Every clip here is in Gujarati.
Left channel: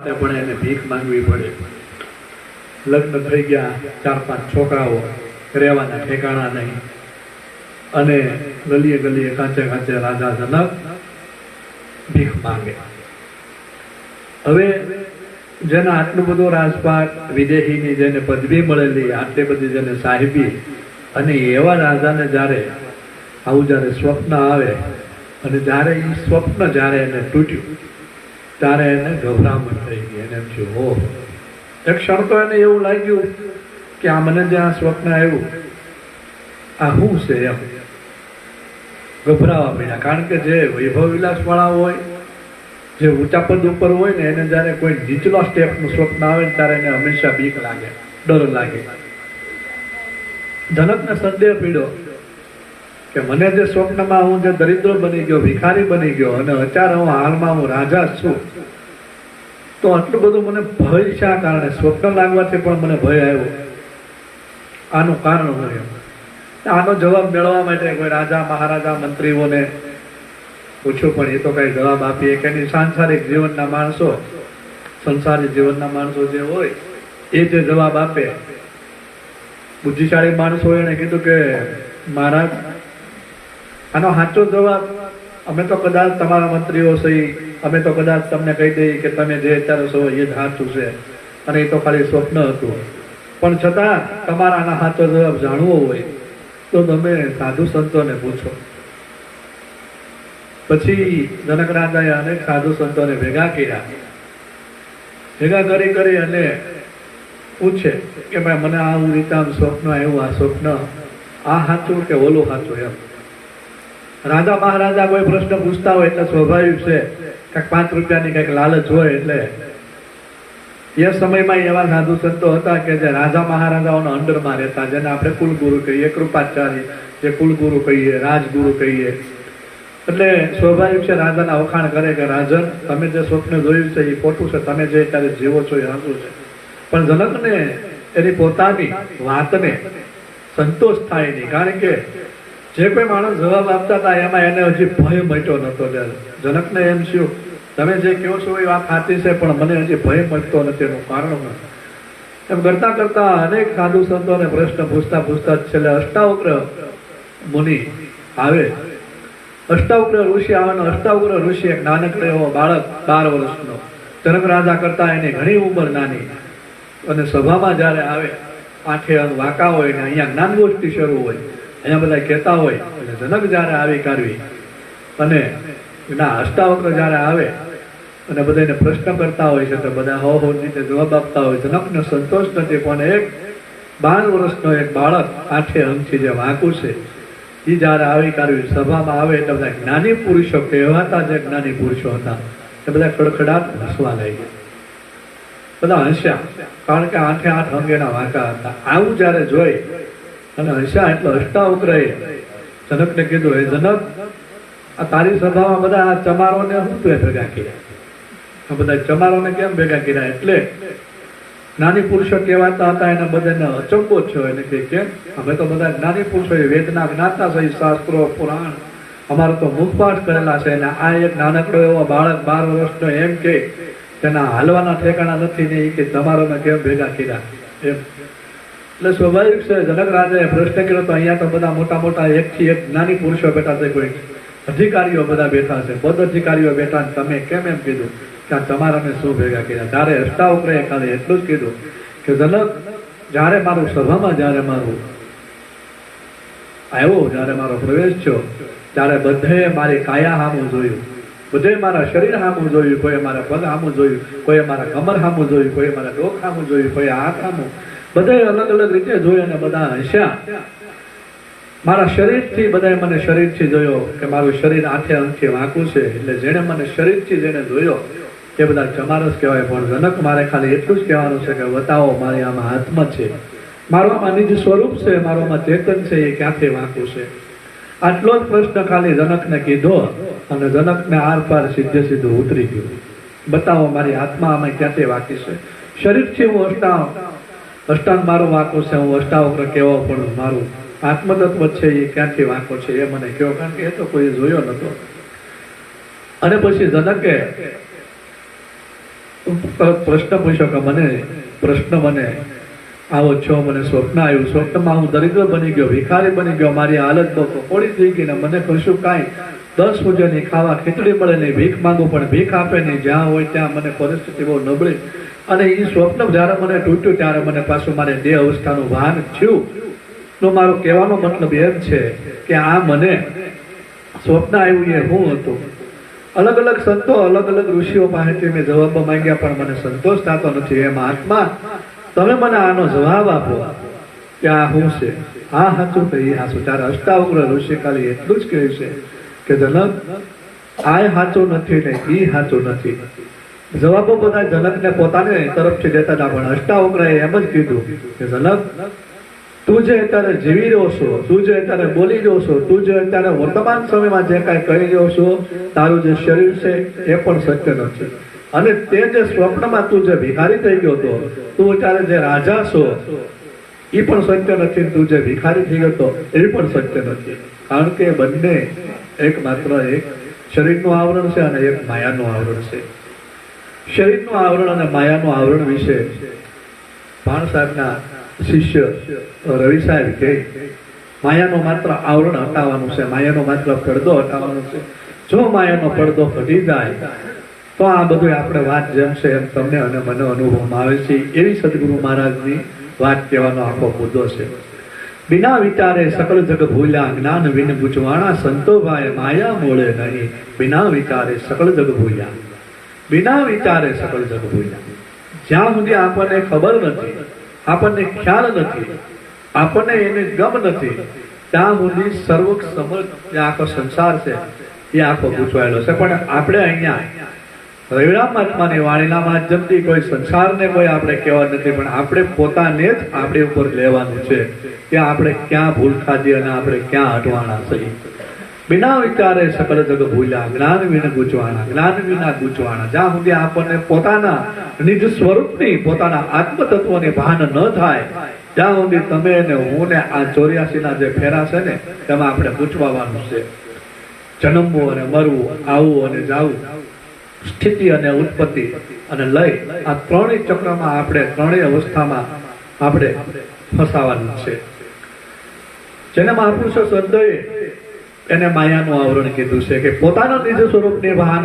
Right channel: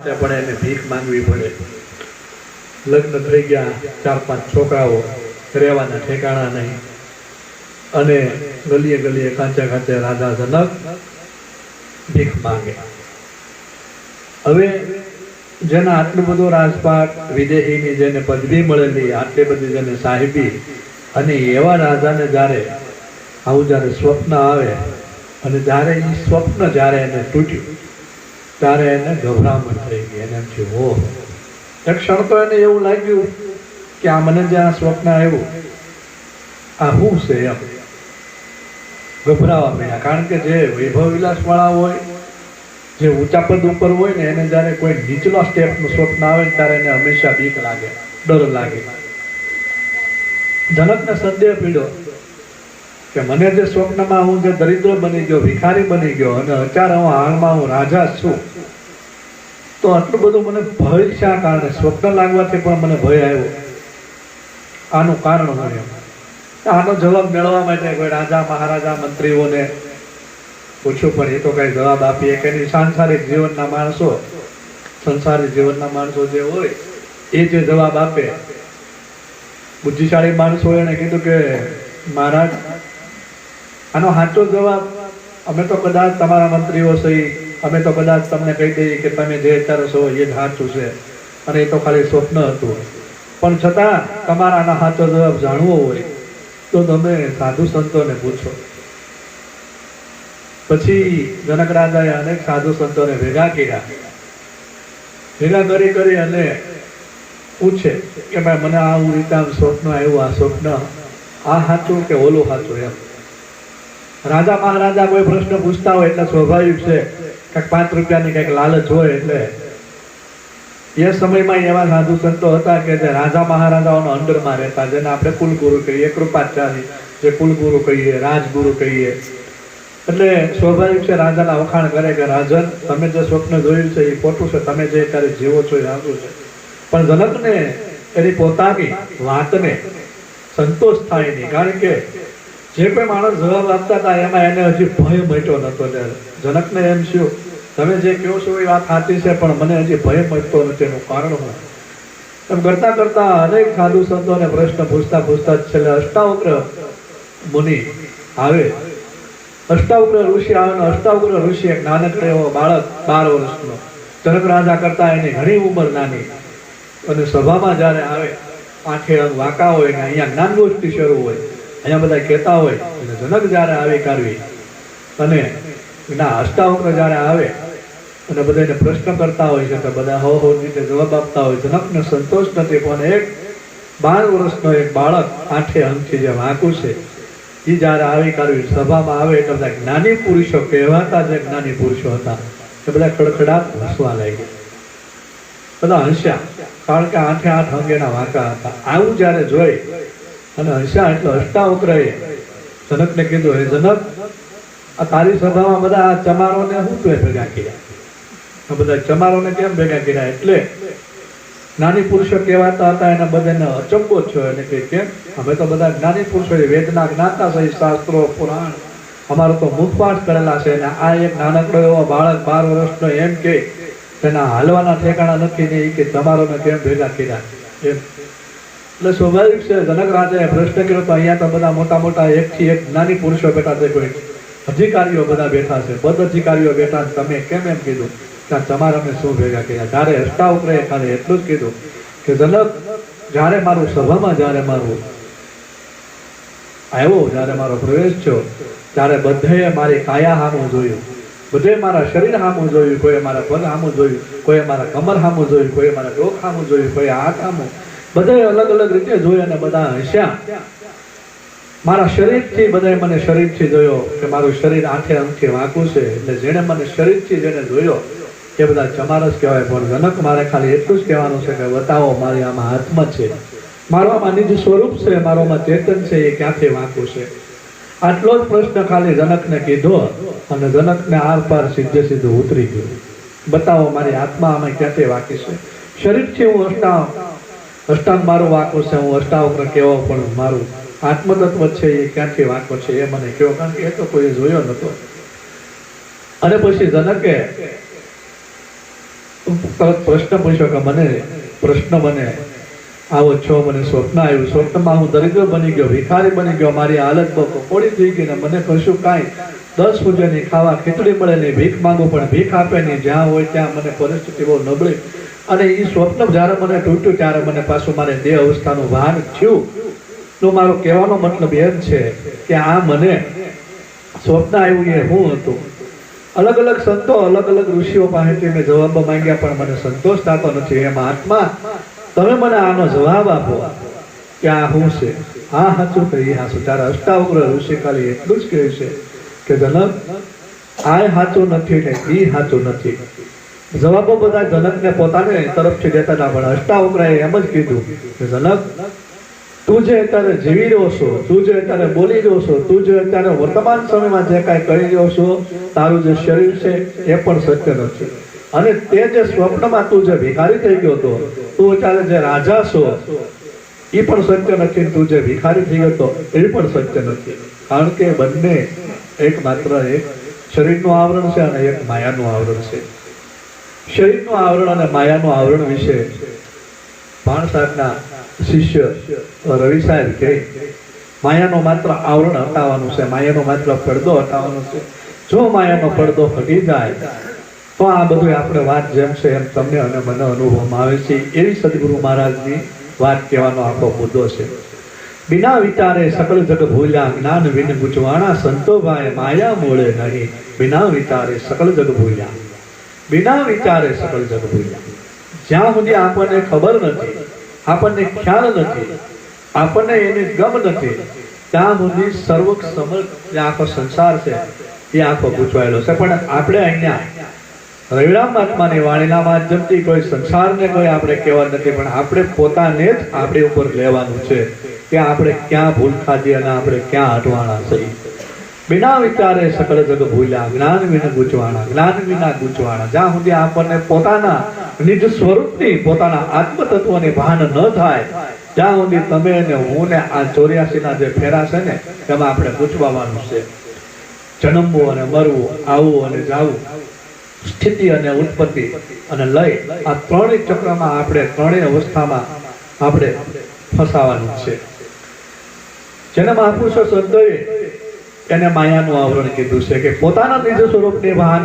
પણ એને ભીખ માંગવી પડે. લગ્ન થઈ ગયા, 4-5 છોકરાઓ, રહેવાના ઠેકાણા નહીં, અને ગલીએ ગલીએ કાંચે કાંચે રાજા જનક ભીખ માંગે. હવે જેના આટલું બધું રાજપાટ, વિદેહીની જેને પદવી મળેલી, આટલી બધી જેને સાહેબી, અને એવા રાજાને જ્યારે આવું જ્યારે સ્વપ્ન આવે, અને જ્યારે એ સ્વપ્ન જ્યારે એને તૂટ્યું ત્યારે એને ગભરામણ થઈ ગઈ. એને એમ થયું, હો, એક ક્ષણ તો એને એવું લાગ્યું કે આ મને જે આ સ્વપ્ન આવ્યું આ શું છે એમ. ગભરાવા માંડ્યા. કારણ કે જે વૈભવ વિલાસ વાળા હોય, જે ઊંચા પદ ઉપર હોય ને, એને જયારે કોઈ નીચલા સ્ટેપનું સ્વપ્ન આવે ને ત્યારે એને હંમેશા બીક લાગે, ડર લાગે. જનકને સંદેહ પીડ્યો કે મને જે સ્વપ્નમાં હું જે દરિદ્ર બની ગયો, ભિખારી બની ગયો, અને અત્યારે હું હાલમાં હું રાજા છું, તો આટલું બધું મને ભય શા કારણે? સ્વપ્ન લાગવાથી પણ મને ભય આવ્યો. આનું કારણ હું એમ. આનો જવાબ મેળવવા માટે કોઈ રાજા, મહારાજા, મંત્રીઓને પૂછ્યું, પણ એ તો કઈ જવાબ આપીએ કે નહીં. સાંસારિક જીવનના માણસો, સંસારી જીવનના માણસો જે હોય એ જે જવાબ આપે. બુદ્ધિશાળી માણસો એને કીધું કે મહારાજ, આનો સાચો જવાબ અમે તો કદાચ તમારા મંત્રીઓ સહી, અમે તો કદાચ તમને કહી દઈએ કે તમે જે વિચારો છો એ જ સાચું છે, અને એ તો ખાલી સ્વપ્ન હતું. પણ છતાં તમારા આના સાચો જવાબ જાણવો હોય તો તમે સાધુ સંતોને પૂછો. પછી જનક રાજાએ અનેક સાધુ સંતોને ભેગા કર્યા. ભેગા કરી અને પૂછે કે ભાઈ, મને આવું રીતે સ્વપ્ન આવ્યું, આ સ્વપ્ન આ સાચું કે ઓલું સાચું એમ. રાજા મહારાજા કોઈ પ્રશ્ન પૂછતા હોય એટલે સ્વાભાવિક છે કે 5 રૂપિયાની કઈક લાલચ હોય. એટલે એ સમયમાં એવા સાધુ સંતો હતા કે જે રાજા મહારાજાઓના અંડરમાં રહેતા, જેને આપણે કુલગુરુ કહીએ, કૃપાચાર્ય જે કુલગુરુ કહીએ, રાજગુરુ કહીએ. એટલે સ્વાભાવિક છે રાજાના વખાણ કરે કે રાજન, તમે જે સ્વપ્ન જોયું છે એ ખોટું છે, તમે જે અત્યારે જીવો છો એ સાચું છે. પણ જનકને એની પોતાની વાતને સંતોષ થાય નહીં. કારણ કે જે કોઈ માણસ જવાબ આપતા હતા એમાં એને હજી ભય મટ્યો નતો. જનકને એમ થયું, તમે જે કહો છો એ વાત સાચી છે, પણ મને હજી ભય મટતો નથી. એનું કારણ હું એમ કરતા કરતા અનેક સાધુ સંતોને પ્રશ્ન પૂછતા છેલ્લે અષ્ટાવક્ર મુનિ આવે. અષ્ટાવક્ર ઋષિ આવે. અષ્ટાવક્ર ઋષિ એક નાનકડો એવો બાળક, 12 વર્ષનો, જનક રાજા કરતા એની ઘણી ઉંમર નાની, અને સભામાં જયારે આવે, આંખે વાંકા હોય ને અહીંયા જ્ઞાન ગોષ્ઠી શરૂ હોય, અહીંયા બધા કહેતા હોય, અને જનક જયારે આવી કાઢવી અને અષ્ટાવક્ર જયારે આવે અને બધાને પ્રશ્ન કરતા હોય છે, તો બધા હો રીતે જવાબ આપતા હોય. જનકને સંતોષ નથી. પણ એક 12 વર્ષનો એક બાળક, આંખે અંગથી જે વાંકું છે, એ જયારે આવી કાઢવી સભામાં આવે એટલે બધા જ્ઞાની પુરુષો કહેવાતા, જે જ્ઞાની પુરુષો હતા એ બધા ખડખડાટ હસવા લાગ્યા. બધા હસ્યા, કારણ કે 8 અંગેના વાંકા હતા. આવું જયારે જોઈ અને હસ્યા એટલે અષ્ટાવક્રએ જનકને કીધું, હે જનક, આ તારી સભામાં બધા ચમારોને શું તું ભેગા કર્યા? બધા ચમારોને કેમ ભેગા કર્યા? એટલે જ્ઞાની પુરુષો કહેવાતા હતા, એના બધાને અચંબો થયો. એને કે કેમ? અમે તો બધા જ્ઞાની પુરુષો વેદના જ્ઞાતા સહિત શાસ્ત્રો, પુરાણ, અમારે તો મુખપાઠ કરેલા છે. અને આ એક નાનકડો એવો બાળક 12 વર્ષનો એમ કે તેના હાલવાના ઠેકાણા નથી ને, એ કે તમારોને કેમ ભેગા કર્યા એમ. એટલે સ્વાભાવિક છે જનક રાજાએ પ્રશ્ન કર્યો, તો અહીંયા તો બધા મોટા મોટા 1 થી 1 જ્ઞાની પુરુષો બેઠા છે, કોઈ અધિકારીઓ બધા બેઠા છે, પદ અધિકારીઓ બેઠા, તમે કેમ એમ કીધું કે આ તમારાને શું ભેગા કર્યા? ત્યારે અષ્ટાવક્રએ ખાલી એટલું જ કીધું કે જનક, જ્યારે મારું સભામાં જ્યારે મારું આવ્યો, જ્યારે મારો પ્રવેશ થયો, ત્યારે બધાએ મારી કાયા સામું જોયું, બધે મારા શરીર સામું જોયું, કોઈ મારા પગ સામું જોયું, કોઈ મારા કમર સામું જોયું, કોઈ મારા ડોક સામું જોયું, કોઈ હાથ સામું, બધે અલગ અલગ રીતે જોયું. અને બધા હસ્યા. મારા શરીરથી બધાએ મને શરીરથી જોયો કે મારું શરીર આંખે અંખે વાંકું છે. એટલે જેને મને શરીરથી જેને જોયો એ બધા ચમારસ કહેવાય. પણ જનક, મારે ખાલી એટલું જ કહેવાનું છે કે બતાવો મારી આમાં આત્મા છે, મારું આમાં નિજ સ્વરૂપ છે, મારું આમાં ચેતન છે, એ ક્યાંથી વાંકું છે? આટલો જ પ્રશ્ન ખાલી જનકને કીધો, અને જનકને આર પાર સીધું ઉતરી ગયું. બતાવો મારી આત્મા આમાં ક્યાંથી વાંકી છે? શરીરથી હું અષ્ટાંગ મારું વાંકું છે, હું અષ્ટાવક્ર કેવો, પણ મારું આત્મતત્વ છે એ ક્યાંથી વાંકો છે એ મને કહો. કારણ કે એ તો કોઈ જોયો નતો. અને પછી જનકે પ્રશ્ન પૂછ્યો કે મને પ્રશ્ન મને આવો છો, મને સ્વપ્ન આવ્યું, સ્વપ્નમાં હું દરિદ્ર બની ગયો, ભિખારી બની ગયો, મારી હાલત બહુ કપોળી થઈ ગઈ ને મને કશું કાંઈ 10 પૂજાની ખાવા ખીચડી મળે નહીં, ભીખ માંગુ પણ ભીખ આપે નહીં, જ્યાં હોય ત્યાં મને પરિસ્થિતિ બહુ નબળી. અને એ સ્વપ્ન જ્યારે મને તૂટ્યું ત્યારે મને પાછું મારે દેહ અવસ્થાનું ભાન થયું. તો મારો કહેવાનો મતલબ એમ છે કે આ મને સ્વપ્ન આવ્યું એ હું હતું. અલગ અલગ સંતો અલગ અલગ ઋષિઓ પાસેથી મેં જવાબ માંગ્યા પણ મને સંતોષ થતો નથી. એમ આત્મા તમે મને આનો જવાબ આપો કે આ શું છે, આ સાચું કે એ સાચું. ત્યારે અષ્ટાવક્ર ઋષિ ખાલી એટલું જ કહ્યું છે કે જનક આ સાચું નથી ને એ સાચું નથી. જવાબો બધા જનકને પોતાને તરફથી દેતા હતા પણ અષ્ટાવક્રએ એમ જ કીધું કે જનક તું જે અત્યારે જીવી રહ્યો છો, તું જે અત્યારે બોલી રહ્યો છો, તું જે અત્યારે વર્તમાન સમયમાં જે કાંઈ કરી રહ્યો છો, તારું જે શરીર છે એ પણ સત્ય નથી. અને તે જે સ્વપ્નમાં તું જે ભિખારી થઈ ગયો હતો, તું અત્યારે જે રાજા છો એ પણ સત્ય નથી, તું જે ભિખારી થઈ ગયો હતો એ પણ સત્ય નથી. કારણ કે બંને એક માત્ર એક શરીરનું આવરણ છે અને એક માયાનું આવરણ છે. શરીરનું આવરણ અને માયાનું આવરણ વિશે ભાણ સાહેબના શિષ્ય રવિ સાહેબ કહે માયાનો માત્ર આવરણ હટાવવાનું છે, માયાનો માત્ર પડદો હટાવવાનો છે. જો માયાનો પડદો ફટી જાય તો આ બધું આપણે વાત જેમ છે એમ તમને અને મને અનુભવમાં આવે છે. એવી સદગુરુ મહારાજની વાત કહેવાનો આખો મુદ્દો છે. બિના વિચારે સકળ જગ ભૂલ્યા, જ્ઞાન વિન ગુજવાણા, સંતો ભાઈ માયા મૂળે નહીં. બિના વિચારે સકળ જગ ભૂલ્યા, બિના વિચારે સકળ જગ ભૂલ્યા. જ્યાં સુધી આપણને ખબર નથી, આપણને ખ્યાલ નથી, આપણને એને ગમ નથી, ત્યાં સુધી સર્વ સમર્થ જે આખો સંસાર છે એ આખો ગૂંચવાયેલો છે. પણ આપણે અહીંયા રવિરામ મહાત્માની વાણીના માધ્યમથી કોઈ સંસારને કોઈ આપણે કહેવા નથી, પણ આપણે પોતાને જ આપણી ઉપર લેવાનું છે કે આપણે ક્યાં ભૂલ ખાધી અને આપણે ક્યાં હટવાના છીએ. બિના વિચારે સકળ જગ ભૂલ્યા, જ્ઞાન વિન ગૂંચવાણા, જ્ઞાન વિના ગૂંચવાણા. જ્યાં સુધી આપણને પોતાના નિજ સ્વરૂપની પોતાના આત્મતત્વને ભાન ન થાય ત્યાં સુધી તમે ને હું ને આ 84 જે ફેરા છે ને તેમાં આપણે ગૂંચવાનું છે. જન્મવું અને મરવું, આવવું અને જાવું, સ્થિતિ અને ઉત્પત્તિ અને લય, આ ત્રણેય ચક્રમાં આપણે ત્રણેય અવસ્થામાં આપણે ફસાવાનું છે. જેને મહાપુરુષો સંતોએ એને માયાનું આવરણ કીધું છે કે પોતાના નિજ સ્વરૂપની ભાન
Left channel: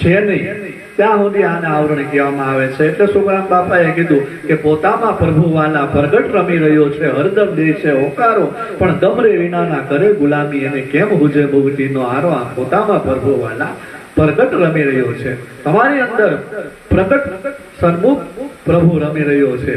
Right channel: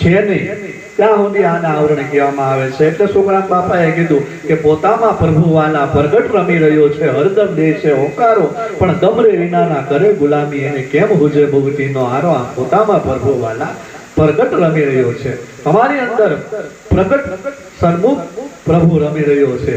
છે નહીં ત્યાં સુધી આને આવરણ કહેવામાં આવે છે. એટલે સુખરામ બાપાએ કીધું કે પોતામાં પ્રભુ વાલા પ્રગટ રમી રહ્યો છે, હરદમ દે છે હોકારો, પણ દમરે વિનાના કરે ગુલામી, એને કેમ હુજે ભુગતીનો આરો. આ પોતામાં પ્રભુ વાલા પ્રગટ રમી રહ્યો છે, તમારી અંદર પ્રગટ સન્મુખ પ્રભુ રમી રહ્યો છે,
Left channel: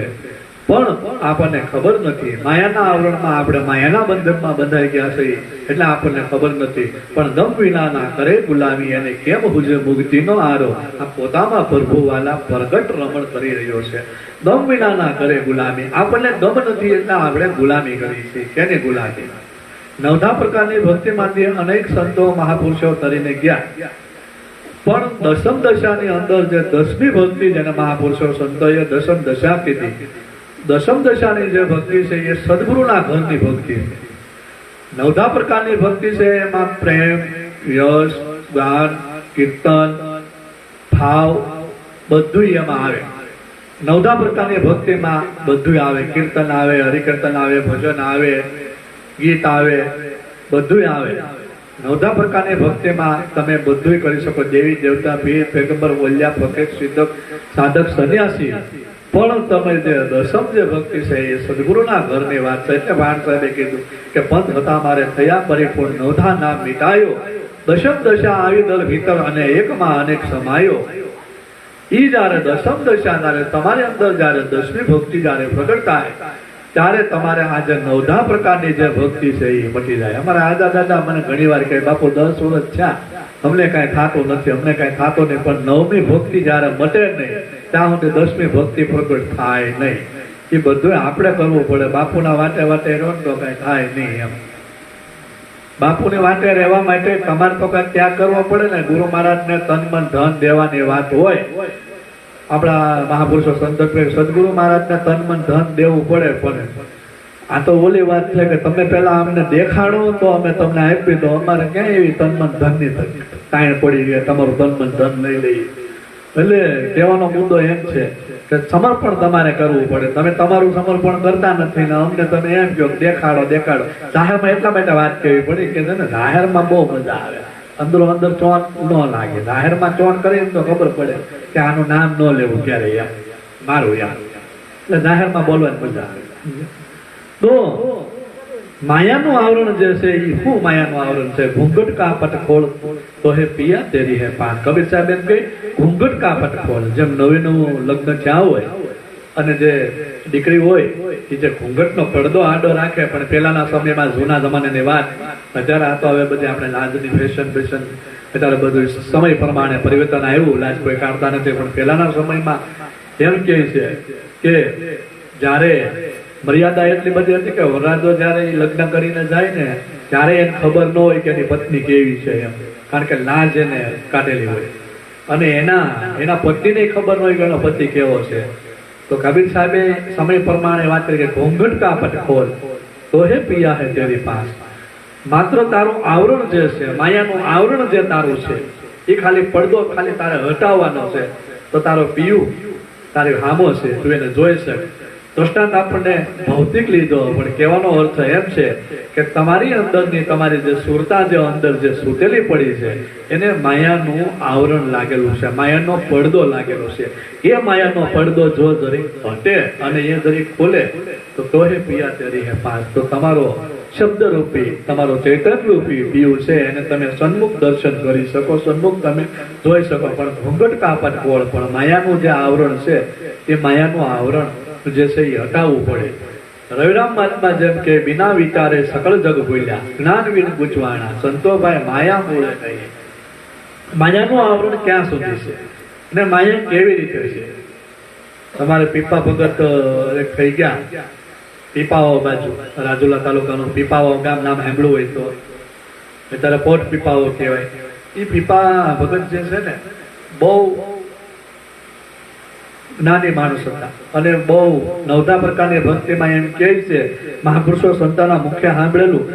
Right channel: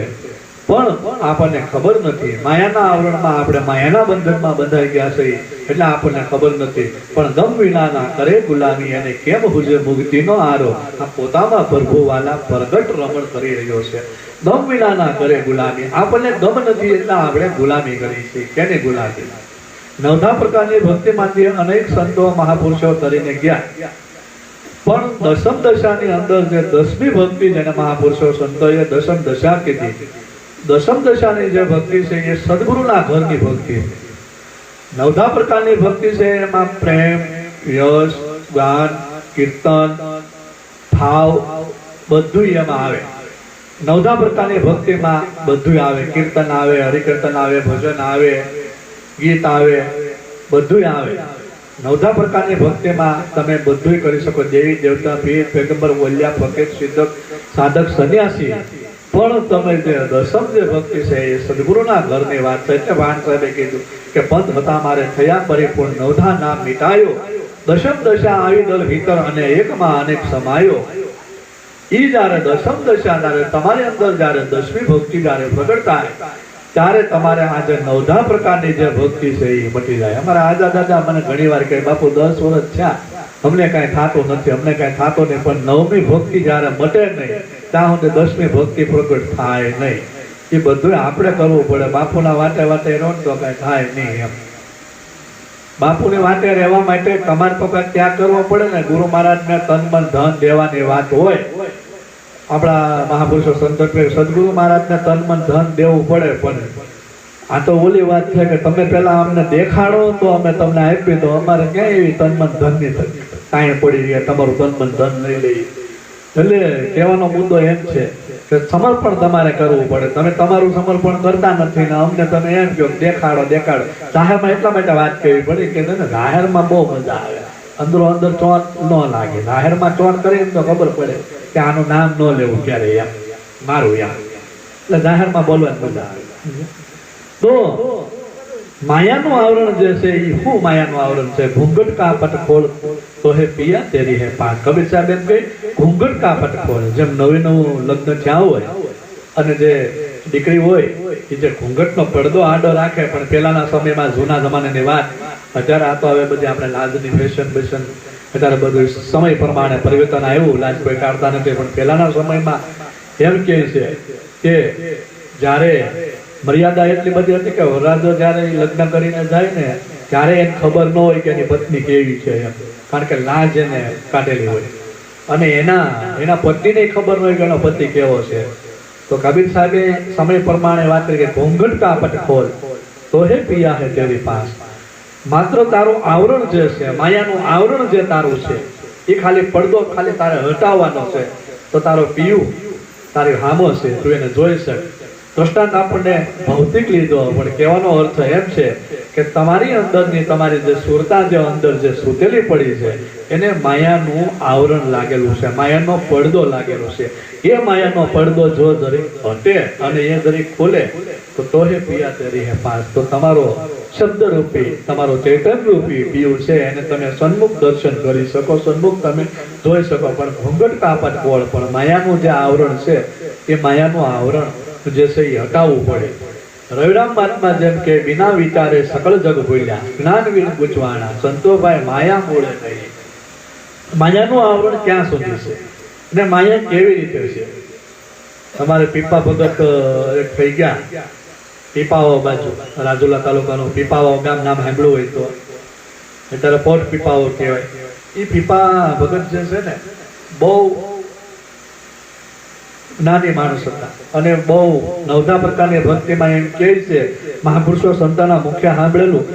પણ આપણને ખબર નથી. માયાના આવરણમાં આપણે માયાના બંધનમાં બંધાઈ ગયા છીએ એટલે આપણને ખબર નથી. પણ દમ વિનાના કરે ગુલામી, એને કેમ હુજે મુક્તિનો આરો. આ પોતામાં પ્રભુ વાલા પ્રગટ રમણ કરી રહ્યો છે. દમ વિનાના કરે ગુલામી, આપણને દમ નથી એટલે આપણે ગુલામી કરી છે. કેની ગુલામી? 9 પ્રકારની ભક્તિમાંથી અનેક સંતો મહાપુરુષો કરીને ગયા, પણ દશમ દશાની અંદર જે 10મી ભક્તિ જેને મહાપુરુષો સંતોએ દશમ દશા કીધી, દશમ દશાની જે ભક્તિ છે એ સદગુરુના ઘરની ભક્તિ છે. 9 પ્રકારની ભક્તિ છે એમાં પ્રેમ, યશ, ગાન, કીર્તન, ભાવ બધું એમાં આવે. 9 પ્રકારની ભક્તિમાં બધું આવે, કીર્તન આવે, હરિકીર્તન આવે, ભજન આવે, ગીત આવે, બધું આવે. 9 પ્રકારની ભક્તિમાં તમે બધું કરી શકો, દેવી દેવતા, પીર, પેગંબર, વલ્યા, ફકીર, સિદ્ધક, સાધક, સન્યાસી. પણ તમે જે દશમ જે ભક્તિ છે એ સદગુરુના ઘરની વાત છે. એટલે વાણ સાહેબે કીધું કે પંથ હતા મારે થયા પરિપૂર્ણ, 9 નામ મિટાયો, દશમ દશા આવી દલ ભીતર અને એકમાં અનેક સમાયો. ઈ જ્યારે દશમ દશા જ્યારે તમારી અંદર જ્યારે 10મી ભક્તિ જ્યારે પ્રગટ થાય ત્યારે તમારે આ જે 9 પ્રકારની જે ભક્તિ છે એ મટી જાય. અમારા આજા દાદા મને ઘણી વાર કહે બાપુ 10 વર્ષ થયા અમને કાંઈ થતું નથી, અમને કાંઈ થતું નહીં. પણ 9મી ભક્તિ જ્યારે મટે નહીં ત્યાં સુધી 10મી ભક્તિ પ્રગટ થાય નહીં. એ બધું આપણે કરવું પડે. બાપુના વાટે વાટે રહો તો કાંઈ થાય નહીં. એમ બાપુને વાટે રહેવા માટે તમારે તો કાંઈક ત્યાગ કરવો પડે ને. ગુરુ મહારાજને તન મન ધન દેવાની વાત હોય, આપણા મહાપુરુષો સંત સદગુરુ મહારાજને તન મન ધન દેવું પડે. પણ આ તો ઓલી વાત છે કે તમે પેલા અમને દેખાડો તો અમે તમને આપી દો. અમારે ક્યાં એવી તન મન ધન ની કાંઈ પડી ગયા તમારું તન મન ધન લઈ લઈએ. એટલે કહેવાનો મુદ્દો એમ છે કે સમર્પણ તમારે કરવું પડે. તમે તમારું સમર્પણ કરતા નથી ને અમને તમે એમ કહો દેખાડો. જાહેરમાં એટલા માટે વાત કરવી પડી કે છે ને જાહેરમાં બહુ મજા આવે, અંદરો અંદર ચોન ન લાગે. જાહેરમાં ચોન કરીને તો ખબર પડે કે આનું નામ ન લેવું ક્યારે એમ મારું એમ, એટલે જાહેરમાં બોલવાની મજા આવે. તો માયાનું આવરણ જે છે એ શું માયાનું આવરણ છે? ઘૂંઘટ કા પટ ખોલ તો હે પિયા તેરી હે પાસ. કબીર સાહેબ એમ કહે ઘૂંઘટ કા પટ ખોલ. જેમ નવું લગ્ન થયા હોય અને જે દીકરી હોય એ જે ઘૂંઘટનો પડદો આડો રાખે, પણ પહેલાના સમયમાં જૂના જમાનાની વાત, અત્યારે આ તો હવે બધી આપણે લાજની ફેશન અત્યારે બધું સમય પ્રમાણે પરિવર્તન આવ્યું, લાજ કોઈ કાઢતા નથી. પણ પહેલાના સમયમાં એમ કહે છે કે જ્યારે મર્યાદા એટલી બધી હતી કે વરરાજો જયારે લગ્ન કરીને જાય ને ત્યારે એને ખબર ન હોય કે એની પત્ની કેવી છે એમ, કારણ કે લાજ એને કાઢેલી હોય અને એના પત્નીને ખબર ન હોય કે એનો પતિ કેવો છે. તો કબીર સાહેબે સમય પ્રમાણે વાત કરી કે ઘૂંઘટ કા પટ ખોલ તો હે પિયા હે તેરી પાસ. માત્ર તારું આવરણ જે છે, માયાનું આવરણ જે તારું છે એ ખાલી પડદો ખાલી તારે હટાવવાનો છે, તો તારો પિયું તારી હામો છે, તું એને જોઈ શક. દ્રષ્ટાંત આપણને ભૌતિક લીધો, પણ કહેવાનો અર્થ એમ છે કે તમારી અંદરની તમારી જે સુરતા જે અંદર જે સુતેલી પડી છે એને માયાનું આવરણ લાગેલું છે, માયાનો પડદો લાગેલો છે. એ માયાનો પડદો જો જરીક હટે અને એ જરીક ખોલે તો હે પિયા તેરી હે પાસ. તો તમારો શબ્દ રૂપી, તમારો ચેતન રૂપી પીયું છે એને તમે સન્મુખ દર્શન કરી શકો, સન્મુખ તમે જોઈ શકો. પણ ઘૂંઘટ કાપટ ખોળ, પણ માયાનું જે આવરણ છે એ માયાનું આવરણ જે છે એ હટાવવું પડે. રવિરામ મહાત્મા જેમ કે બિના વિચારે સકળ જગ ભૂલ્યા, જ્ઞાન વિન ગુચવાણા, સંતોભાઈ માયા મૂળે નહીં. માયાનું આવરણ ક્યાં સુધી છે અને માયા કેવી રીતે છે? તમારે પીપા ભગત એક થઈ ગયા, પીપાઓ બાજુ રાજુલા તાલુકાનું પીપાઓ ગામ નામ સાંભળ્યું હોય તો અત્યારે પોટ પીપાઓ કહેવાય. એ પીપા ભગત જે છે ને બહુ જ્ઞાની માણસ હતા અને બહુ નવધા પ્રકારની ભક્તિમાં એમ કહે છે, મહાપુરુષો સંતોના મુખ્ય સાંભળેલું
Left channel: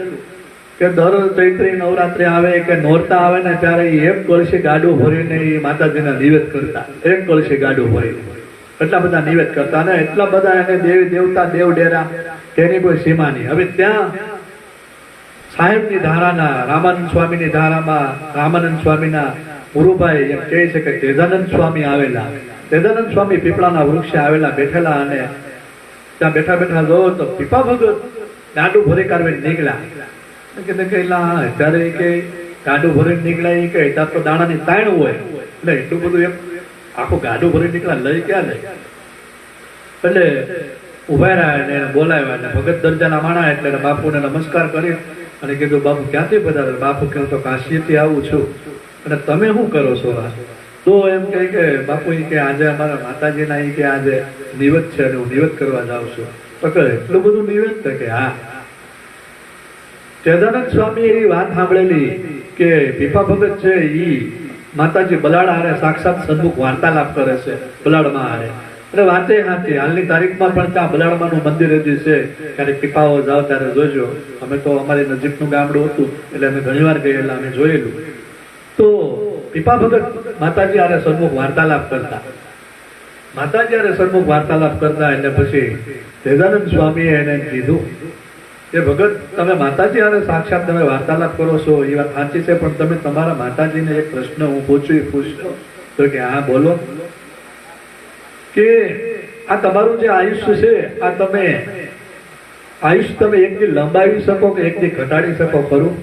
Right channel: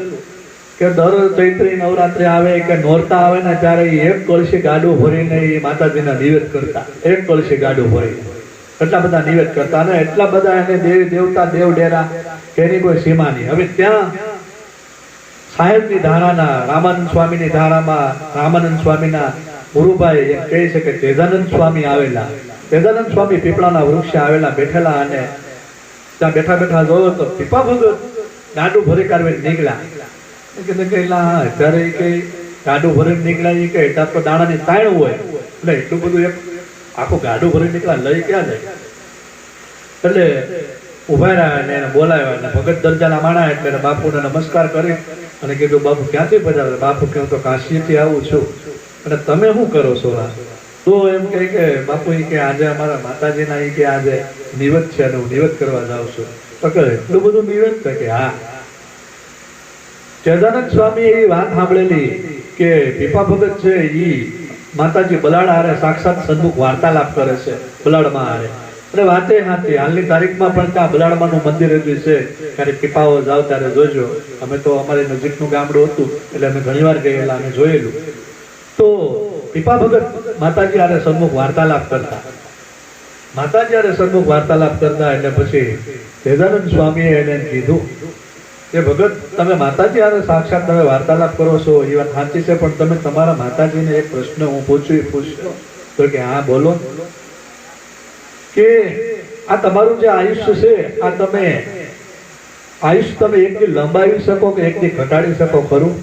કે દર ચૈત્રી નવરાત્રી આવે કે નોરતા આવે ને ત્યારે એક કળશી ગાડું ભરીને એ માતાજીને નિવેદ કરતા, એક કળશી ગાડું ભરીને એટલા બધા નિવેદ કરતા ને એટલા બધા એને દેવી દેવતા દેવ ડેરા તેની કોઈ સીમા નહીં. હવે ત્યાં સાહેબની ધારાના રામાનંદ સ્વામીની ધારામાં રામાનંદ સ્વામીના ગુરુભાઈ એમ કહે છે કે તેજાનંદ સ્વામી આવેલા, તેજાનંદ સ્વામી પીપળાના વૃક્ષે આવેલા બેઠેલા અને ત્યાં બેઠા બેઠા જોયો તો પીપા ભગત ગાડું ભરી કાઢવીને નીકળ્યા. અત્યારે કે ગાડું ભરીને નીકળ્યા કે ત્યાં તો દાણાની તાણ હોય એટલે એટલું બધું એક આખું ગાડું ભરી નીકળ્યા લઈ ક્યાં જાય? એટલે ઉભા રહ્યા ને બોલાવ્યા એટલે ભગત દરજાના માણા એટલે બાપુને નમસ્કાર કરી અને કીધું બાપુ ક્યાંથી પધારે? બાપુ કહ્યું તો કાશીથી આવું છું. અને તમે શું કરો છો? તો એમ કહે કે બાપુ કે આજે અમારા માતાજીના કે આજે નિવેદ છે અને હું નિવેદ કરવા જાઉં છું. તો કરે એટલું બધું નિવેદ છે કે હા. તેજાનંદ સ્વામી એવી વાત સાંભળેલી કે પીપા ભગત છે ઈ માતાજી બલાડા હારે સાક્ષાત સન્મુખ વાર્તાલાપ કરે છે બલાડમાં હારે. એટલે વાતે હાથી હાલની તારીખમાં પણ ત્યાં બલાડમાનું મંદિર હજી છે, ત્યારે પીપાઓ જાઓ ત્યારે જોજો. અમે તો અમારી નજીકનું ગામડું હતું એટલે અમે ઘણી વાર ગયેલા અને જોયેલું. તો પીપા ભગત માતાજી હારે સન્મુખ વાર્તાલાપ કરતા, માતાજી હારે સન્મુખ વાર્તાલાપ કરતા એટલે પછી તેજાનંદ સ્વામીએ એને કીધું કે ભગત તમે માતાજી હારે સાક્ષાત તમે વાર્તાલાપ કરો છો એ વાત સાચી છે, પણ તમે તમારા માતાજીને એક પ્રશ્ન હું પૂછું એ પૂછશો? તો કે હા બોલો. કે આ તમારું જે આયુષ્ય છે આ તમે આયુષ્ય તમે એક દી લંબાવી શકો કે એક દી ઘટાડી શકો ખરું?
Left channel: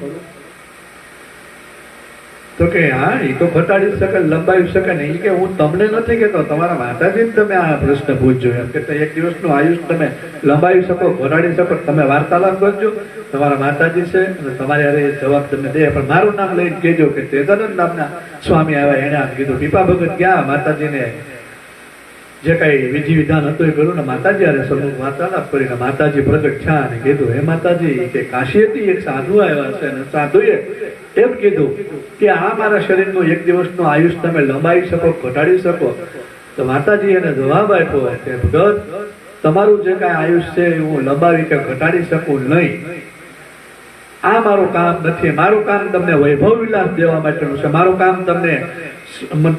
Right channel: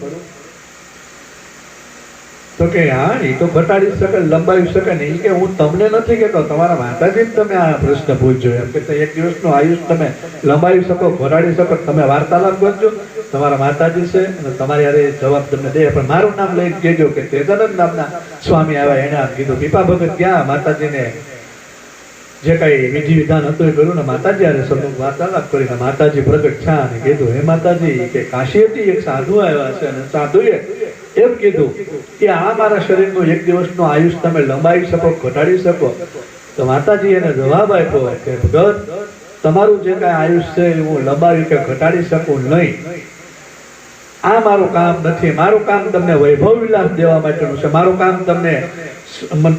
તો કે હા એ તો ઘટાડી શકે લંબાવી શકે ને. એ કે હું તમને નથી કહેતો, તમારા માતાજીને તમે આ પ્રશ્ન પૂછજો એમ કે એક દિવસનું આયુષ તમે લંબાવી શકો ઘટાડી શકો, તમે વાર્તાલાપ કરજો, તમારા માતાજી છે અને તમારે અરે જવાબ તમને દે. પણ મારું નામ લઈને કહેજો કે તેજાનંદ નામના સ્વામી આવ્યા એને આમ કીધું. પીપા ભગત ગયા માતાજીને જે કઈ વિધિ વિધાન હતું એ કર્યું ને માતાજી હારે સન્મુખ વાર્તાલાપ કરીને માતાજી પ્રગટ થયા અને કીધું હે માતાજી કે કાશીથી એક સાધુ આવ્યા છે અને સાધુએ એમ કીધું કે આ મારા શરીરનું એક દિવસનું આયુષ તમે લંબાવી શકો ઘટાડી શકો? તો માતાજી એને જવાબ આપ્યો કે ભગત તમારું જે કઈ આયુષ છે હું લંબાવી કે ઘટાડી શકું નહીં. આ મારું કામ નથી. મારું કામ તમને વૈભવ વિલાસ દેવા માટેનું છે. મારું કામ તમને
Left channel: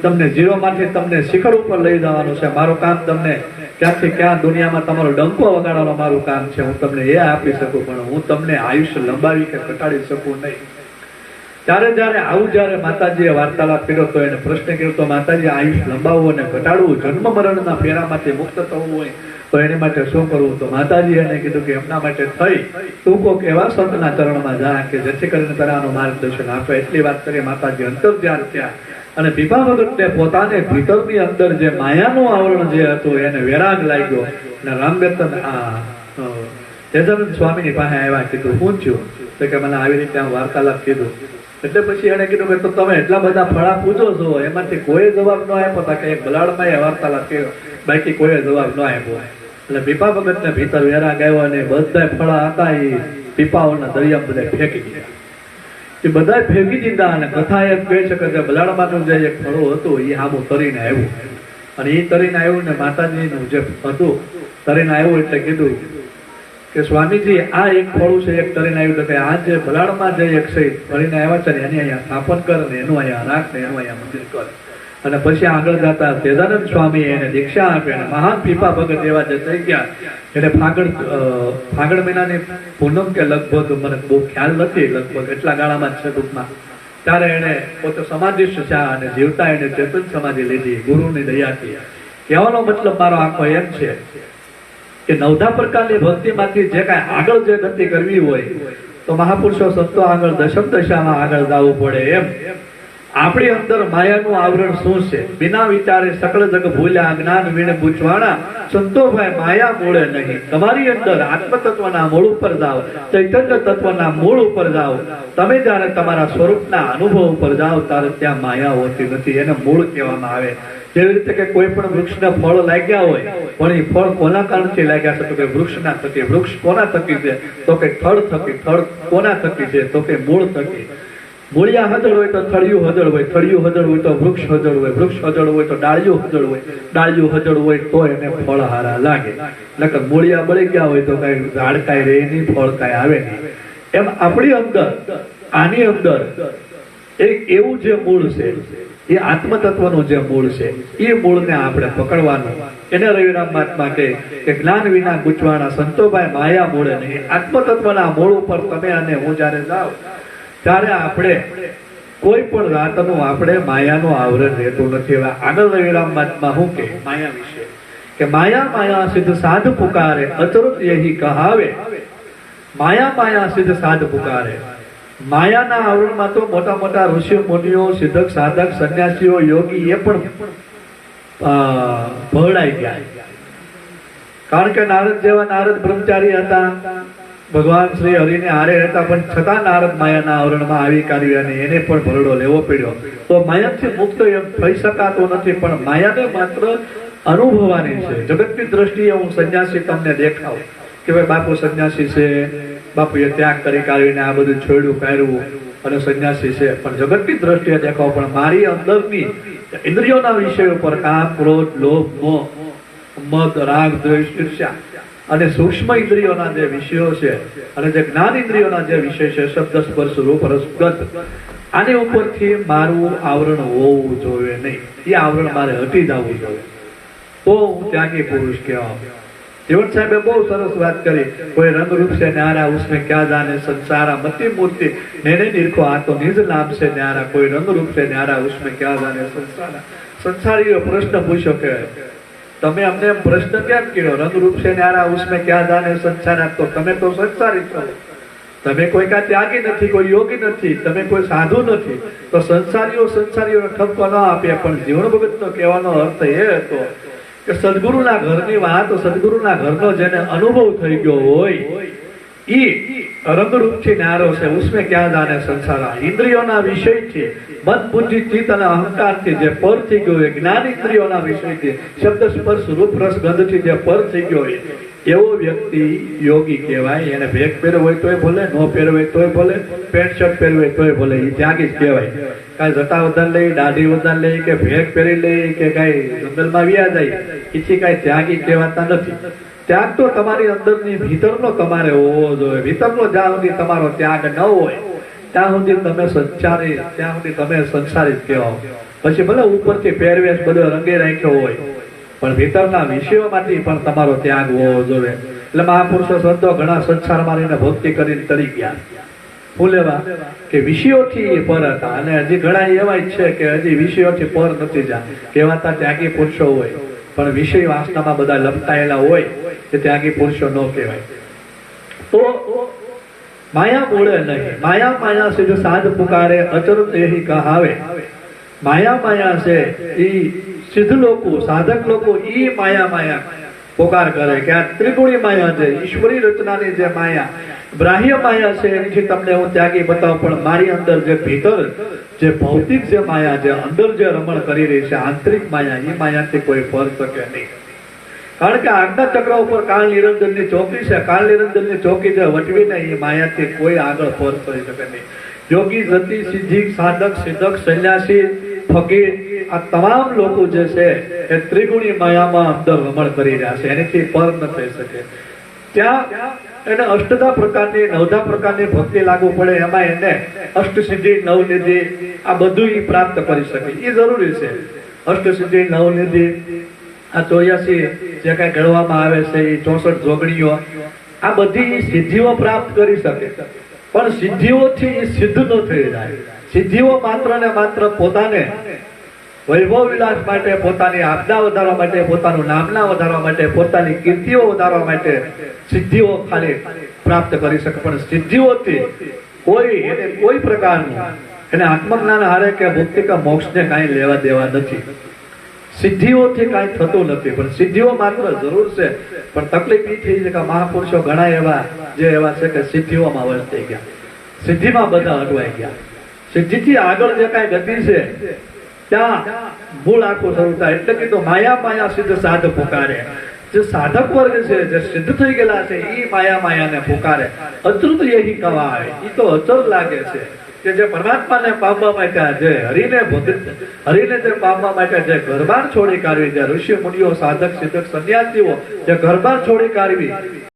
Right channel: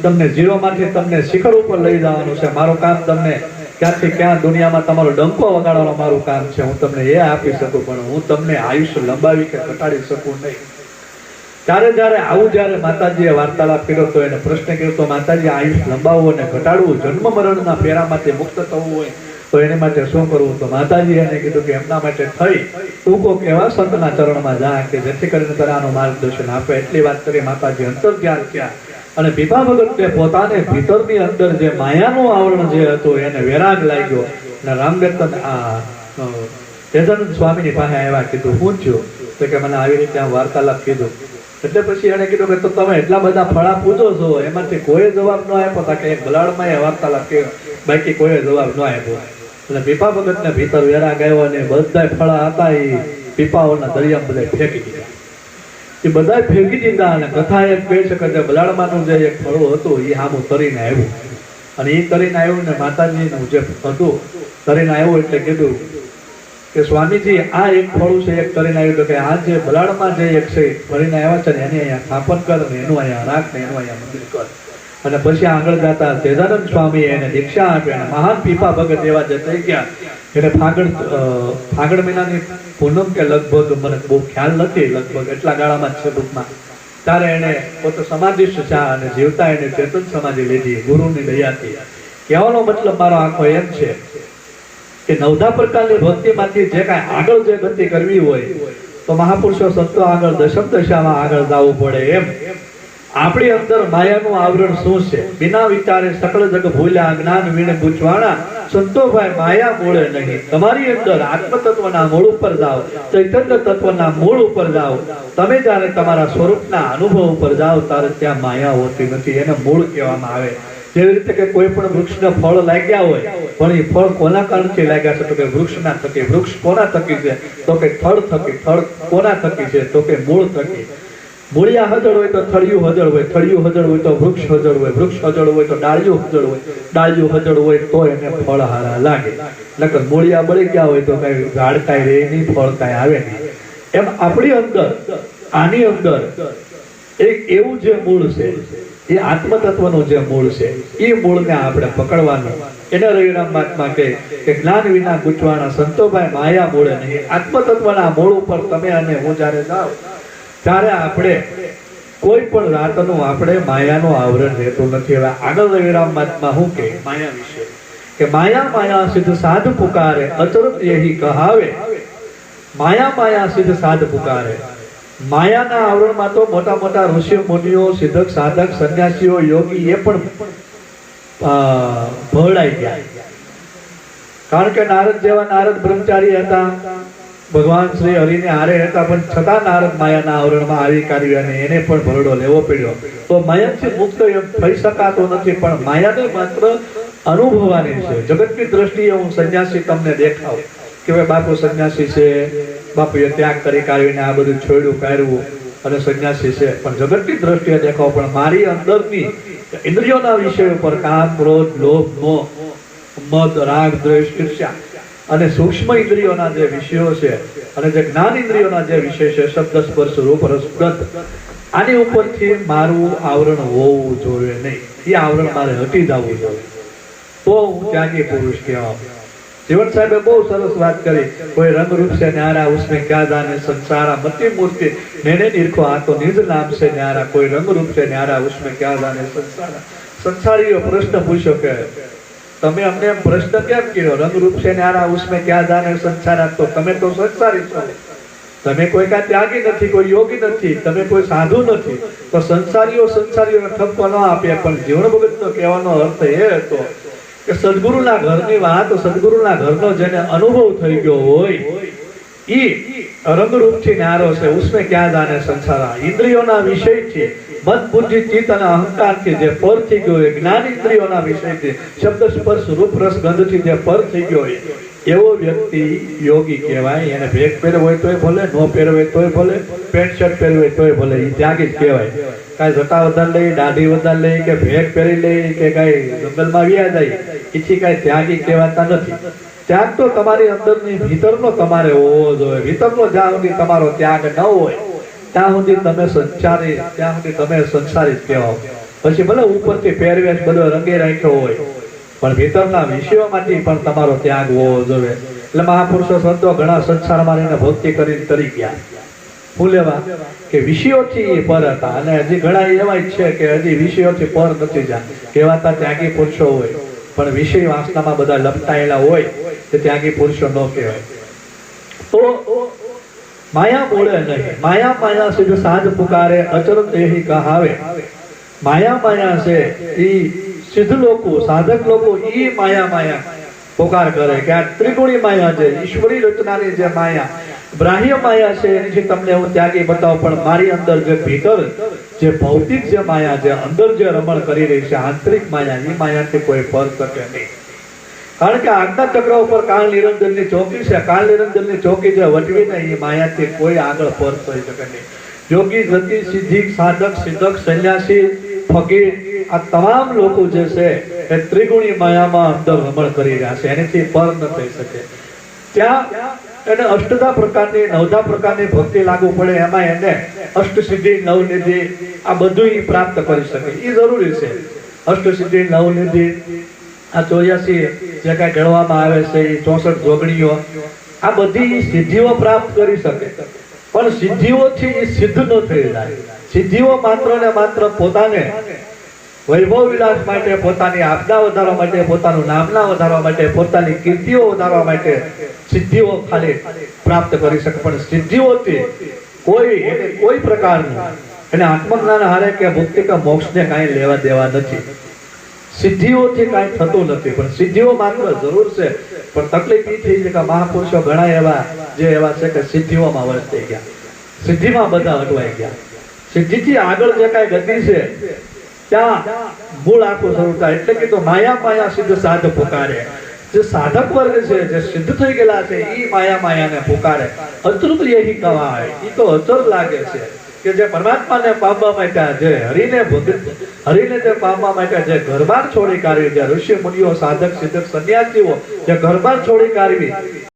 તમને ઝીરોમાંથી તમને શિખર ઉપર લઈ જવાનું છે. મારું કામ તમને ક્યાંથી ક્યાં દુનિયામાં તમારો ડંકો વગાડવાનું મારું કામ છે. હું તમને એ આપી શકું, પણ હું તમને આયુષ્ય લંબાવી કે ઘટાડી શકું નહીં. ત્યારે જ્યારે માતાજીએ વાર્તાલાપ કર્યો તો એને પ્રશ્ન કર્યો તો માતાજી આયુષ્ય લંબાવવું અને ઘટાડવું, જન્મ મરણના ફેરામાંથી મુક્ત થવું હોય તો એને માટે શું કરવું? તો માતાજી એને કીધું કે એમના માટે થઈ તું કોક એવા સંતના ચરણમાં જા કે જેથી કરીને તરાનું માર્ગદર્શન આપે. એટલી વાત કરી માતાજી અંતર ધ્યાન થયા અને પીપા ભગતને પોતાને ભીતરની અંદર જે માયાનું આવરણ જે હતું એને વેરાગ લાગ્યો અને રામબેતન તેજાનંદ સ્વામીની પાસે આવ્યા. કીધું શું થયું? તો કે મને આવી રીતે આમ વાર્તાલાપ કીધું. એટલે પછી એને કીધું કે તો તમે એટલા બધા ફળા પૂજો છો, એમાંથી કોઈ જવાબ ન આપ્યો. તા કે એક બલાડમાં એ વાર્તાલાપ કર્યો, બાકી કોઈ જવાબ ન આપ્યો. એટલે પીપા ભગતને ભીતર વેરાગ આવ્યો અને બધા ફળા હતા એ પીપાઓના દરિયામાં બધા ફેંકી દીધા. એ બધા ફેંકી દીધા અને કથા એમ કહી શકે કે બલાડમાંનું જે એક ફળો હતું એ આમું તરીને આવ્યું અને એ તરીને આવ્યું ને માતાજીનું જે હતું તરીને આવ્યું એટલે કીધું કે સ્વામીજી આ એક ફળું છે, એક તરીને આવ્યું. તો કે આ જે બલાડમાં જે એક છે તરીને આવ્યા છે ને એની અહીંયા સ્થાપન કર ને એનું અહીંયા રાખ ને એનું અહીંયા મંદિર કર. અને પછી આગળ જતા તેજાનંદ સ્વામી એને દીક્ષા આપી અને મહાન પીપા ભગત એવા જે થઈ ગયા. એને ફાગણ મહિનાની પૂનમ કે લગભગ મને બહુ ખ્યાલ નથી, લગભગ એટલા ગાળામાં જ છે ટૂંકમાં. ત્યારે એને પોતે સમાધિસ્થ છે અને જીવતા એને ચેતન સમાધિ લીધી ગુરુની દયાથી. કહેવાનો મતલબ મારો આખો એમ છે કે 9 પ્રકારની ભક્તિમાંથી જે કાંઈ આગળ જે ગતિ કરવી હોય તો મહાપુરુષો સંતો આગળ દશમ દશામાં આગળ જવું પડે. એમ આપણી અંદર માયાનું આવરણ શું છે? બિના વિચારે સકળ જગ ભૂલ્યા, જ્ઞાન વીણ પૂછવાના સંતોભાઈ માયા મૂળે નહીં. તમારી અંદર આત્મ તત્વના મૂળ ઉપર જાઓ, ચૈતન્ય તત્વના મૂળ ઉપર જાઓ. તમે જ્યારે તમારા સ્વરૂપના અનુભવ ઉપર જાઓ ત્યારે ત્યાં માયા હોતી નથી. એને મૂળ કહેવામાં આવે. જેવી રીતે કે કોઈ પણ વૃક્ષને ફળ લાગ્યા હોય પણ એ ફળ કોના કારણથી લાગ્યા છે? તો કે વૃક્ષના થકી. વૃક્ષ કોના થકી છે? તો કે થળ થકી. થળ કોના થકી છે? તો કે મૂળ થકી. મૂળિયા હજળ હોય તો થળિયું હજળ હોય, થળિયું હજળ હોય તો વૃક્ષ હજળ હોય, વૃક્ષ હજળ હોય તો ડાળિયું હજળ હોય, ડાળિયું હજળ હોય તો એને ફળ હારા લાગે. નકર મૂળિયા બળી ગયા હોય તો કઈ ઝાડ કાંઈ રહે નહીં, ફળ કાંઈ આવે નહીં. એમ આપણી અંદર આની અંદર એક એવું જે મૂળ છે એ આત્મ તત્વનું જે મૂળ છે એ મૂળને આપણે પકડવાનું. એને રવિરામ મહાત્મા કહે કે જ્ઞાન વિના ગૂંચવાના સંતોભાઈ માયા મૂળે નહીં. આત્મ તત્વના મૂળ ઉપર તમે અને હું જ્યારે જાઓ ત્યારે આપણે કોઈ પણ રાતનું આપણે માયાનું આવરણ રહેતું નથી. હવે આગળ રવિરામ મહાત્મા શું કે માયા વિશે કે માયા માયા સિદ્ધ સાધ પુકારે, અચરત યહી કહાવે. માયા માયા સિદ્ધ સાધ પુકારે. માયાના આવરણમાં તો મોટા મોટા ઋષિ મુનિઓ, સિદ્ધક, સાધક, સંન્યાસીઓ, યોગી એ પણ ભળાઈ ગયા. કારણ કે નારદ જેવા નારદ બ્રહ્મચારી હતા, ભગવાન શ્રી હરિને હારે હતા, પણ છતાં નારદ માયાના આવરણમાં આવી કાઢ્યું અને એને પણ ભરડો લેવો પડ્યો. તો માયાથી મુક્ત એમ થઈ શકાતો નથી, પણ માયાને માત્ર અનુભવવાની છે. જગતની દ્રષ્ટિએ હું સંન્યાસી તમને દેખાવ કે ભાઈ બાપુ સંન્યાસી છે, બાપુએ ત્યાગ કરી કાઢીને આ બધું છોડ્યું કાઢ્યું અને સંન્યાસી છે, પણ જગતની દ્રષ્ટિએ દેખાવ. પણ મારી અંદરની ઇન્દ્રિયોના વિષય ઉપર કામ, ક્રોધ, લોભ, મોહ, મદ, રાગ, દ્વેષ, ઈર્ષ્યા અને સૂક્ષ્મ ઇન્દ્રિયોના જે વિષયો છે અને જે જ્ઞાન ઇન્દ્રિયોના જે વિષય છે, શબ્દ, સ્પર્શ, રૂપ, રસ, ગંધ, આની ઉપરથી મારું આવરણ હોવું જોઈએ નહીં. એ આવરણ મારે હટી જવું જોઈએ તો હું ત્યાગી પુરુષ કહેવાય. જીવન સાહેબે બહુ સરસ વાત કરી. કોઈ રંગ રૂપ છે ન્યારા ઉસમે ક્યાં જાને સંસારા, મતિ મૂર્તિ નેને નિરખો આ તો નિજ નામ છે ન્યારા. કોઈ રંગ રૂપ છે ન્યારા ઉસમે ક્યાં જાને સંસારા. સંસારીઓ પ્રશ્ન પૂછ્યો કે તમે અમને એમ પ્રશ્ન કેમ કર્યો? રંગ રૂપ છે ન્યારા ઉસમે ક્યાં જાને સંસારા. તો તમે તો સંસારી છો, તમે કોઈ કાંઈ ત્યાગી નથી, કોઈ યોગી નથી, તમે કોઈ સાધુ નથી. તો સંસારીઓને ઠપકો ન આપે. પણ જીવન ભગતનો કહેવાનો અર્થ એ હતો કે સદગુરુના ઘરની વાત, સદગુરુના ઘરનો જેને અનુભવ થઈ ગયો હોય ઈ રંગરૂપથી ન્યારો છે. ઉસમે ક્યાં જાને સંસારા. ઇન્દ્રિયોના વિષયથી, મન, બુદ્ધિ, ચિત્ત અને અહંકારથી જે પર થઈ ગયો હોય, જ્ઞાન ઇન્દ્રિયોના વિષયથી, શબ્દ, સ્પર્શ, રૂપ, રસ, ગંધથી જે પર થઈ ગયો હોય એવો વ્યક્તિ યોગી કહેવાય. એને ભેગ પહેરવો હોય તોય ભલે, ન પહેરવો હોય તોય ભલે, પેન્ટ શર્ટ પહેરવું હોય તોય ભલે, એ ત્યાગી જ કહેવાય. કાંઈ જટા વધારે લઈ, દાઢી વધારે લઈ કે ભેગ પહેરી લઈ કે કાંઈ જંગલમાં વ્યા જાય એથી કાંઈ ત્યાગી કહેવાતા નથી. ત્યાગ તો તમારી અંદરની ભીતરનો તમારે હોવો જોઈએ. ભીતરનો જ્યાં સુધી તમારો ત્યાગ ન હોય ત્યાં સુધી તમે સંસારી જ કહેવાઓ. પછી ભલે ઉપરથી પહેરવેશ બધો રંગે રાખ્યો હોય પણ ભીતરના વિષયોમાંથી પણ તમારો ત્યાગ હોવો જોઈએ. એટલે મહાપુરુષો સંતો ઘણા સંસારમાં રહીને ભક્તિ કરીને તરી ગયા. શું લેવા કે વિષયોથી એ પર હતા. અને હજી ઘણા એવા છે કે હજી વિષયોથી પર નથી જા કહેવાતા ત્યાગી પુરુષો હોય પણ વિષય વાસનામાં બધા લપટાયેલા હોય કે ત્યાગી પુરુષો ન કહેવાય. તો માયા બોલે નહીં. માયા માયા से जो साध पुकारे अचरत यही कहावे. माया माया से ई सिद्ध लोको साधक लोको ई माया माया पुकार करे કે આ ત્રિગુણી માયા છે, ઈશ્વરી રચનાની જે માયા બાહ્ય માયા છે એની તમને હું ત્યાગી બતાવું, પણ મારી અંદર જે ભીતર જે ભૌતિક જે માયા જે અંદર જે રમણ કરી રહી છે આંતરિક માયા, એ માયાથી કોઈ પર શકે નહીં. કારણ કે આજ્ઞા ચક્ર ઉપર કાળ નિરંજનની ચોકી છે. કાળ નિરંજનની ચોકી જે વટવીને એ માયાથી કોઈ આગળ પર થઈ શકે નહીં. યોગી જતી સિદ્ધિ સાધક સિદ્ધક સંન્યાસી ફકીર આ તમામ લોકો જે છે એ ત્રિગુણી માયામાં અંદર રમણ કરી રહ્યા છે, એનાથી પર ન થઈ શકે. ત્યાં એને અષ્ટધા પ્રકારની નવધા પ્રકારની ભક્તિ લાગુ પડે, એમાં એને અષ્ટસિદ્ધિ નવનિધિ આ બધું પ્રાપ્ત કરી શકે. એ જરૂરી છે. અષ્ટસિદ્ધિ નવનિધિ આ 84 જે કઈ ગણવામાં આવે છે એ 64 જોગણીઓ આ બધી સિદ્ધિઓ પ્રાપ્ત કરી શકે. પણ સિદ્ધિઓથી એ સિદ્ધ ન થઈ જાય. સિદ્ધિઓ માત્ર ને માત્ર પોતાને વૈભવ વિલાસ માટે, પોતાની આપદા વધારવા માટે, પોતાનું નામના વધારવા માટે, પોતાની કીર્તિઓ વધારવા માટે સિદ્ધિઓ ખાલી પ્રાપ્ત કરી શકે. પણ સિદ્ધિઓથી કોઈ પ્રકારનું એને આત્મજ્ઞાન હારે કે મુક્તિ કે મોક્ષને કાંઈ લેવા દેવા નથી. સિદ્ધિઓથી કાંઈ થતું નથી. પણ સિદ્ધિઓ માત્ર જરૂર છે. પણ તકલીફ એ થઈ છે કે મહાપુરુષો ઘણા એવા જે એવા છે કે સિદ્ધિઓમાં વસ થઈ ગયા, સિદ્ધિમાં બધા અટવાઈ ગયા. સિદ્ધિથી આગળ જે કાંઈ ગતિ છે ત્યાં મૂળ આખું શરૂ થાય. એટલે કે તો માયા માયા સિદ્ધ સાધ પુકારે. જે સાધક વર્ગ છે જે સિદ્ધ થઈ ગયેલા છે એ માયા માયાને પુકારે. અતૃત યહી કવાય. એ તો અચર લાગે છે કે જે પરમાત્માને પામવા માટે જે હરિને જે પામવા માટે જે ઘરબાર છોડી કાઢવી, જે ઋષિ મુનિઓ સાધક સિદ્ધક સંન્યાસીઓ જે ઘરબાર છોડી કાઢવી